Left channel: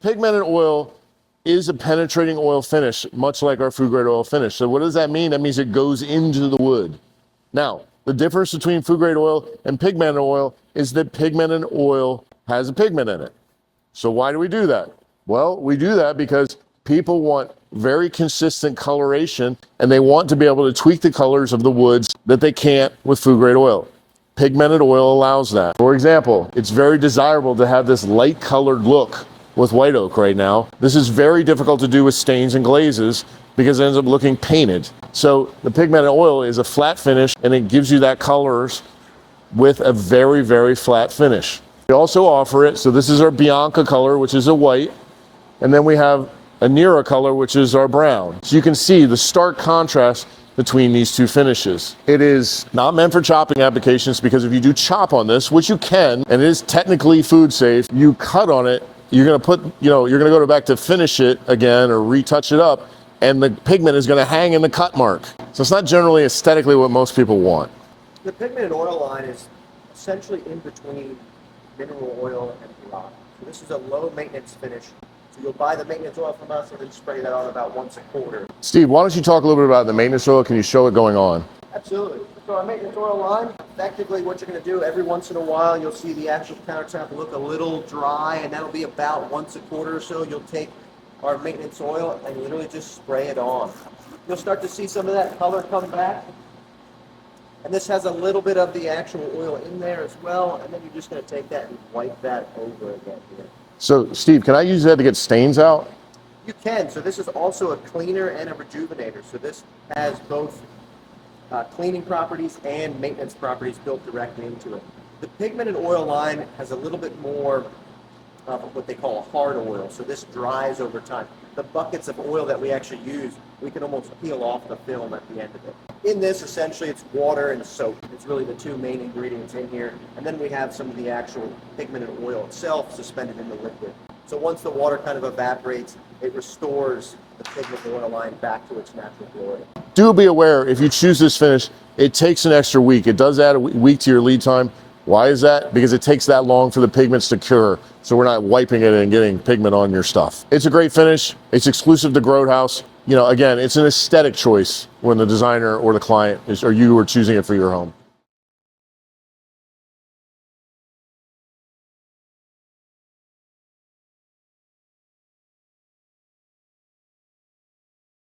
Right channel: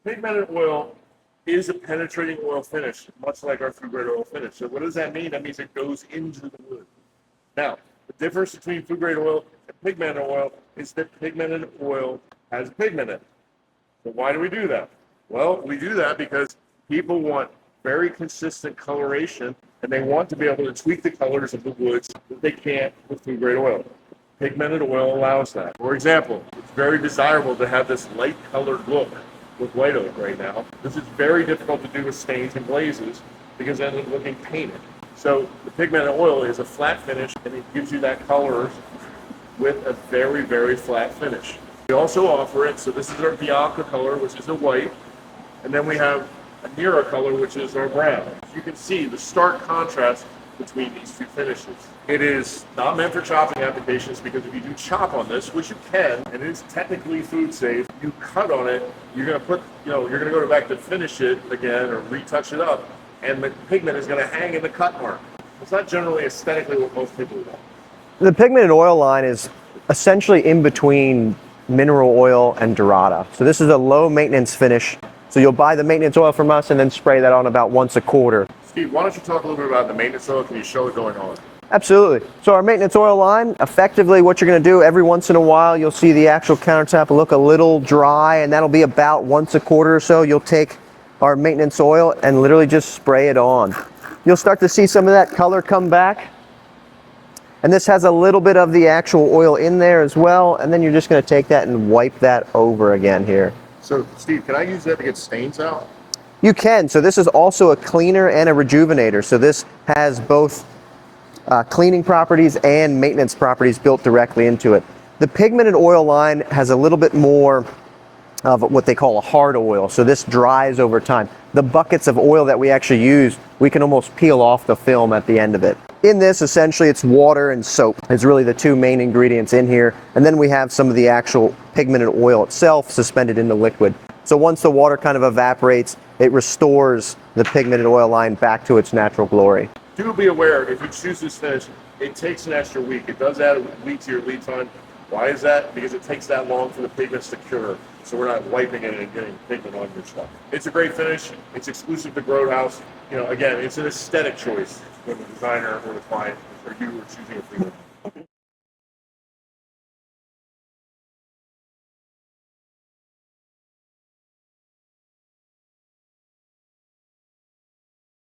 Pigmented oil is a penetrating oil finish, much like our food grade oil finish. So what does that mean? That means it goes into the wood. Now, the difference between food grade oil and pigmented oil is that pigmented oil has a pigment in it. So why do we do that? Well, we do that because people want very consistent coloration and they want to be able to tweak the colors of the woods that they can't with food grade oil. Pigmented oil allows that. For example, it's very desirable to have this light colored look with white oak right now. This is very difficult to do with stains and glazes because it ends up looking painted. So the pigmented oil is a flat finish and it gives you that colors with a very, very flat finish. We also offer it, so this is our Bianca color, which is a white, and then we have a Nera color, which is our brown. So you can see the stark contrast between these two finishes. It is not meant for chopping applications because if you do chop on this, which you can, and it is technically food safe, you cut on it, you're gonna put, you're gonna go back to finish it again or retouch it up, and the pigment is gonna hang in the cut mark. So it's not generally aesthetically what most people want. The pigmented oil line is essentially in between mineral oil and Dorada. So this is a low maintenance finish. So you'll buy the maintenance oil from us and then spray that on about once a quarter. Steve, why don't you talk a little bit about the maintenance oil? Can you show it going on? Absolutely. So our maintenance oil line, effectively what you're going to do every once in a while, you'll see the actual countertop look a little dry, and that'll be about once a quarter or so. You'll take our maintenance oil and literally just spray it on. You'll start to see some of that color come back. And this has a little bit of the actual oil in there as well, and then you're just going to take that and wipe that over again here. So Steve, can I use that to get stains out? You can. So this is also a cleaner and a rejuvenator. So this has both cleaning properties and maintenance properties built directly into it. The pigmented oil line has a little bit more of what they call a hard oil. So this dries over time. The buckets of oil that we actually use, we can almost peel off the film at the end of it. In this, essentially, it's water and soap is really the two main ingredients in here. And then we have some of the actual pigmented oil itself suspended in the liquid. So once the water kind of evaporates, it restores the pigmented oil line back to its natural glory. Do be aware, if you choose this finish, it takes an extra week. It does add a week to your lead time. Why is that? Because it takes that long for the pigments to cure. So we're not wiping it and getting pigment on your stuff. It's a great finish. It's exclusive to Grothouse. Again, it's an aesthetic choice when the designer or the client is, or you are choosing it for your home.